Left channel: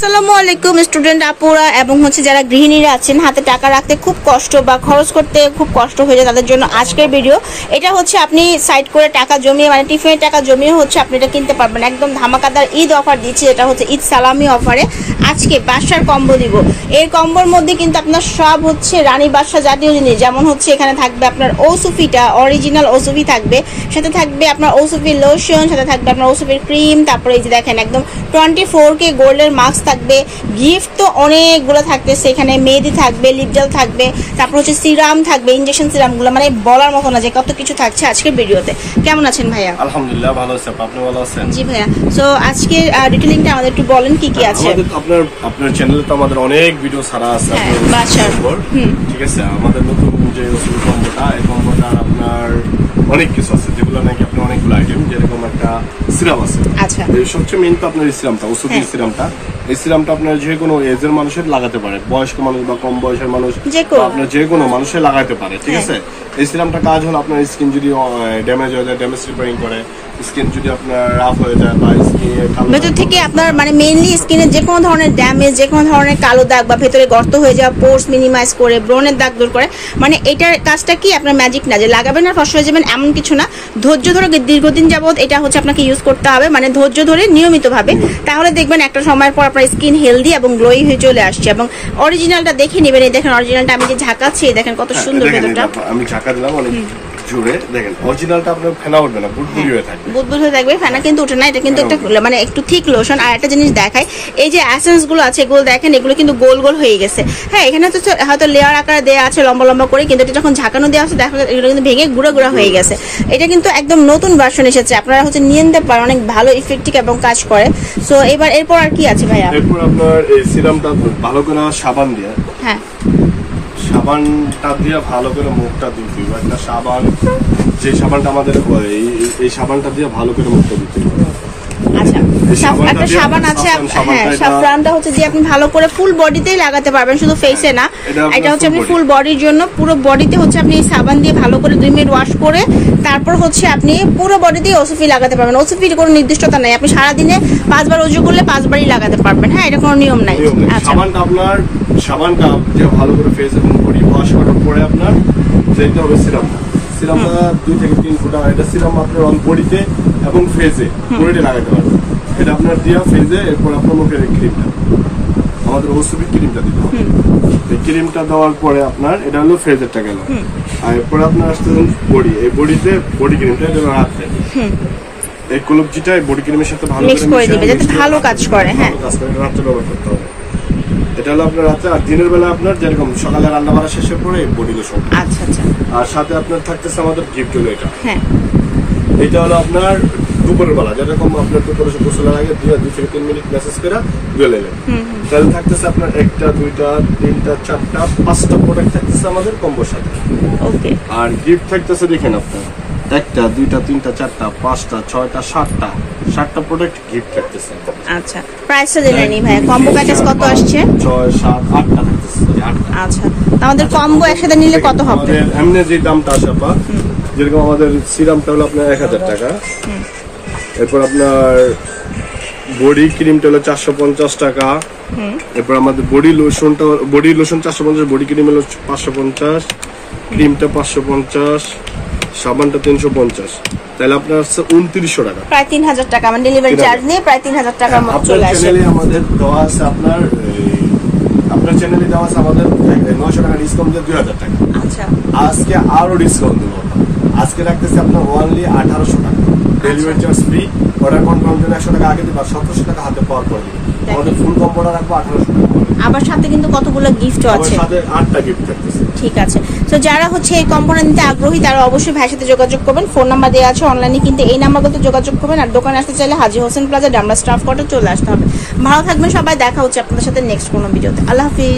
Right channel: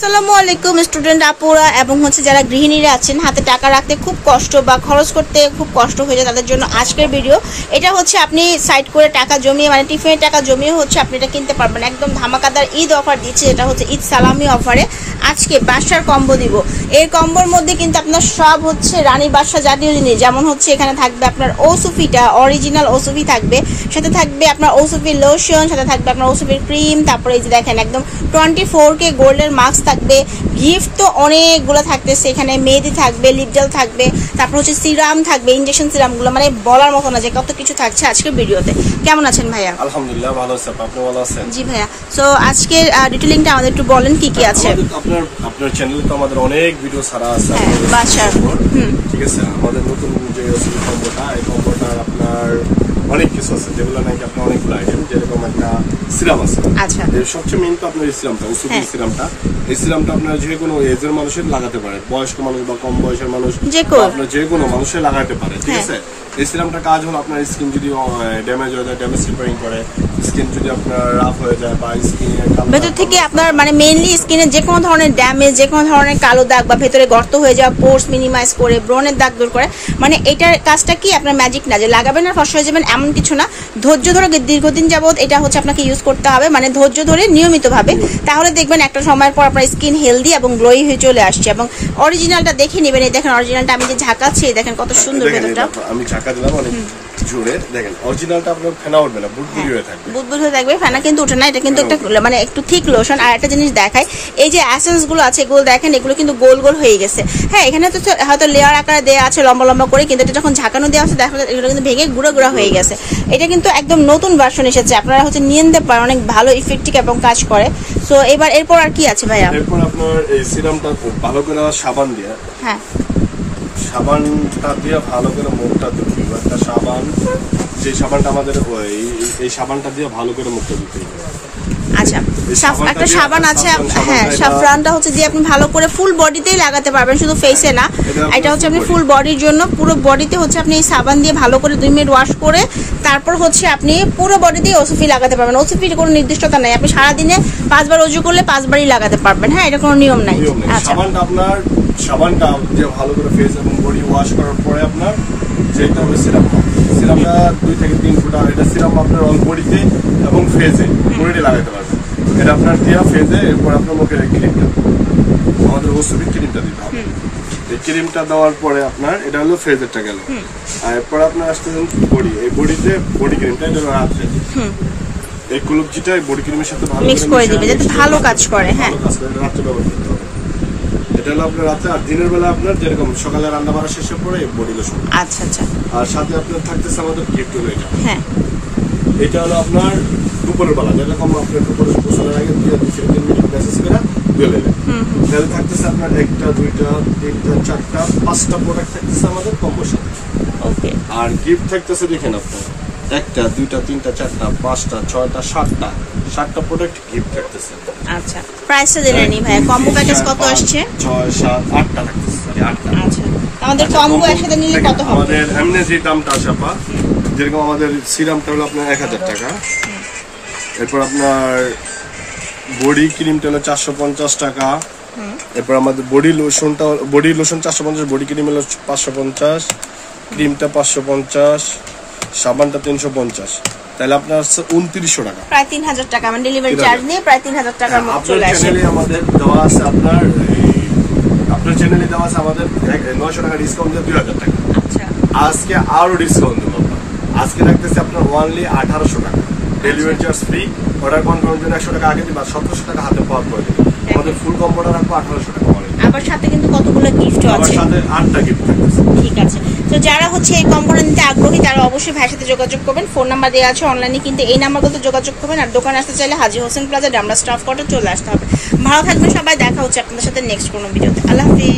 আসসালামু আলাইকুম স্টুডেন্ট আপুরা এবং যারা গৃহিণীরা আছেন হাতে টাকা রাখতে খুব কষ্ট বা খরচ করতে খুব কষ্ট হয়ে যায় তাদের জন্য আজকের ভিডিও। এটা আপনি সাইড করে টাকা জমিয়ে মানে টিফিনের টাকা জমিয়ে আপনি এটা কিনতে পারবেন। একদম ধামাকাদার ঈদ অফার দিচ্ছে, এটা ঈদ সালামি অফারে আজকে বাসার কম্বো দিব। এই কম্বোর মধ্যে কিন্তু আপনার সব রানী বাদশা জাতীয় জিনিস, যেমন এখানে থাকবে আপনার ওসুফিটা অরিজিনাল ওসুফি থাকবে, সাথে থাকবে আপনার ওসুফির লোশন, সাথে থাকবে আপনার ওসুফির ক্রিম, তারপরে এই যে দেখেন একদম 24K গোল্ডের মাস্ক থাকবে। গিফট তো অনেকগুলো থাকতেছে, এখানে মেহেদি থাকবে, লিপ জেল থাকবে, তারপর সিরাম থাকবে, ইনজেকশন সিরাম গুলো, মানে বলার মতো না যে কত কিছু থাকছে আজকের ভিডিওতে। কেমন আছেন ভাইয়া? আলহামদুলিল্লাহ ভালো আছি, আপনি ভালো আছেন? জি ভাইয়া, তো আজকে ডিটেইলিংটা আমাদের একটু বলেন কি কি আছে। আপনার চ্যানেলে তো আমাদের অনেক ভিডিও ছাড়া আছে বাসার, ঠিক আছে। আমাদের নতুন যে ওসুফি কম্বোটা, এই কম্বোটার আপনার অনেক কিছু আছে যেগুলো নাকি আপনার অনেকগুলো আইটেম, যেরকম একটা সিরাম আছে। আচ্ছা, সবচেয়ে মেইন তো আপনার এই সিরামটা, ওসুফি সিরামটা। এই সিরামটা আপনার যে কোনো এজের মানুষের লাগাতে পারে, বয়স্ক মানুষ বা কম বয়সের মানুষ, আপনার যে কোনো মানুষের লাগাতে পারে, ঠিক আছে। এই সিরামটা কাজ হলো আপনার স্কিন যদি ড্যামেজ হয়ে যায়, ড্যামেজ রিপেয়ারিং করে। স্কিন যদি আপনার রাফ হয়ে যায় বা স্কিনে ভেতর থেকে আপনার মানে মেইনলি স্কিনে যে কোনো ধরনের ড্যামেজ, যে কোনো ধরনের কালো দাগ বা ভেতরে গর্ত হয়ে যাওয়া পোর্স মিনিমাইজ করে, ব্রণের দাগ দূর করে। মানে এটার কাজটা কি আপনার ম্যাজিক না যে লাগাবেন আর ফর্সা হয়ে যাবেন এমন কিছু না। ধৈর্য ধরে দীর্ঘদিন যাবত এটা আপনাকে ইউজ করতে হবে, মানে ধৈর্য ধরে নিয়মিতভাবে, তাহলে দেখবেন একটা সময়ের পর আপনার স্কিন হেলদি এবং গ্লোই হয়ে চলে আসছে। এবং অরিজিনালটা দেখে নেবেন। এই দেখেন অরিজিনালটা আমি যে ঝাঁকাচ্ছি, দেখেন কত সুন্দর ভেতরটা। আমি ঝাঁকা দিলাম অনেক জোরে, দেখেন অরিজিনালটা আপনার ফেনা উঠবে না, বুদবুদি হয়ে থাকবে। বুদবুদি হয়ে থাকবে, ফেনা কিন্তু উঠে না। এটা কিন্তু একটা মানে একটু থিক লোশন। আর একটা জিনিস দেখাই, এই যে এসেন্স গুলো আছে এগুলো দেখেন, এগুলো কিন্তু গোল গোল হয়ে গেছে। হ্যাঁ, এখানে তো হয়তো লেয়ার আকারে দেওয়া আছে লম্বা লম্বা করে, কিন্তু এটা যখন ঝাঁকানো দেওয়া আছে দেখা যায় এগুলো কিন্তু ভেঙে গুঁড়ো গুঁড়ো হয়ে গেছে। এটা কিন্তু একদম নতুন ভার্সন এসেছে, আপনারা নিয়ে নিতে পারেন, অনেক ভালো ইফেক্টিভ এবং কাজ করে। সো এরপর আর কি আছে ভাইয়া? এরপর আপনার এই সিরামটা ভালো করে সাবান দিয়ে, হ্যাঁ সাবানটা দিয়ে ভালো করে মুখটা ধুতে হবে। একটা সাবান, যে সাবানটা আমাদের এই সাবানটা দিয়ে ভালো করে মুখটা ধুতে হবে। আচ্ছা, একটা সাবান আছে, হ্যাঁ সাফরানটা দিয়ে আপনি ভালো করে ফুল বডিতেই লাগাতে পারবেন, শুধু ফেসে না। এটা আপনি ফুল বডির জন্য, পুরো বডিতে আপনি এই সাবান দিয়ে ভালো করে 2 মিনিট ওয়াশ করে তারপর আপনি পুরো বডিতেই ওসুফি লাগাতে পারবেন। ওসুফির কোনো নির্দিষ্টতা নাই, আপনি সারাদিনে 5 বার অজু করলে 5 বারই লাগাতে পারবেন। হ্যাঁ, এটা কোনো নিয়ম নাই। আচ্ছা, সাবানটা যে ভালো করে ফেস এবং বডি ওয়াশ করার পরে আপনার যেতে হবে সিরামটা। সিরামটা 2 থেকে 3 ফুটা। এটা সিরাম আপনার অল বডিতে এবং ফেজে বডিতে লাগাতে পারবেন। এটা আপনার দিয়া ফেজে, এরপর আপনার মুখের ক্রিমটা, আমাদের ওসুফি ক্রিমটা দিতে হবে। এই ক্রিমটা দেওয়ার পরে আপনার এটা হলো ফেজেরটা গেল। আর এরপর আপনার আসতেছেন বডি, এই বডিতে বডি ক্রিমটা এটা রাখতে, এই কুলুপজিটা বডি ক্রিমের সাথে ভালো মিক্স করে দিবেন যাতে ভালো কাজ করে। হ্যাঁ, রাত্রে ব্যবহার করতে হবে। এটা হলো আপনার রাতে। আর দিনের বেলা আপনার যেরকম সকালে রান্না বাড়া শেষের পরে বডি লোশন। আচ্ছা আচ্ছা। আর সাথে আপনার থাকতেছে আমাদের গিফট হলো এটা। হ্যাঁ, এটা হলো আপনার দুপুরের বেলা, যেরকম আপনার দুপুরে গোসলের আগে 2 থেকে 3 মিনিট মেসেজ করে ধুয়ে নেবেন। তাহলে থাকতেছে আপনার 1টা 2টা 3টা 4টা 5টা প্রোডাক্ট থাকতেছে আমাদের কম্বোর সাথে। ওকে। আর গিফট থাকতেছে দেখেন আপনার 1টা 2টা 3টা 4টা 5টা 6টা 7টা প্রোডাক্ট গিফট থাকতেছে। আচ্ছা, প্রাইসটা জেনে নিই ভাই, কম্বো প্যাকেজ কত আসছে? 6 7 8টা থাকতেছে। 8টা। আচ্ছা, আমাদের কম্বো একসাথে নিলে কত হবে? আমাদের এমনি যে দামটা আসে আপা, যেরকম আমাদের সিরামটা হলো আপনার 1000 টাকা। এরপর আপনার বডি ক্রিমটা হলো 450 টাকা। এরপর আমাদের বডি লোশন 450, বডি ক্রিম হলো 550, ক্রিমটা 550, সাবানটা 350। তাহলে আপনার 2900 টাকা, প্রায় 3000 টাকা। মানে ডেলিভারি চার্জ নিয়ে প্রায় 3000 টাকার মতো চলে আসে। চ্যানেলে আমাদের দেওয়া আছে আপনার চ্যানেলে দেওয়া আছে আমাদের 900 টাকা ডিসকাউন্ট দিয়ে 2000 টাকা। আচ্ছা, আজকে আরো ডিসকাউন্ট দেবো। আজকে রাখতেছি আপনার অনলি 1800 টাকা, ডেলিভারি চার্জ ফ্রি। অর্ডার কনফার্মের জন্য 100 টাকা আগে দিবা, 1700 টাকা হাতে পাওয়ার করে দিবে। আমাদের ফুল কম্বোটা রাখবো 1800 টাকা করে। আবার সাথে কিন্তু কতগুলো গিফটও আছে, সাথে 8টা গিফট থাকতেছে। ঠিক আছে। তো যারা এই কম্বোটা নিতে আগ্রহী তারা অবশ্যই ভাইয়ের সাথে যোগাযোগ করবেন। ফোন নাম্বার দেওয়া আছে অনলাইনে, কিন্তু এই নাম্বারগুলোতে যোগাযোগ করবেন। আর দোকানে আসতে চাইলে হাজী হোসেন প্লাজা, ডামরা স্টাফ কোয়ার্টার চলে আসতে হবে। ভালো থাকবেন সবাই, দেখা হচ্ছে আপনাদের সাথে নেক্সট কোনো ভিডিওতে। আল্লাহ হাফিজ।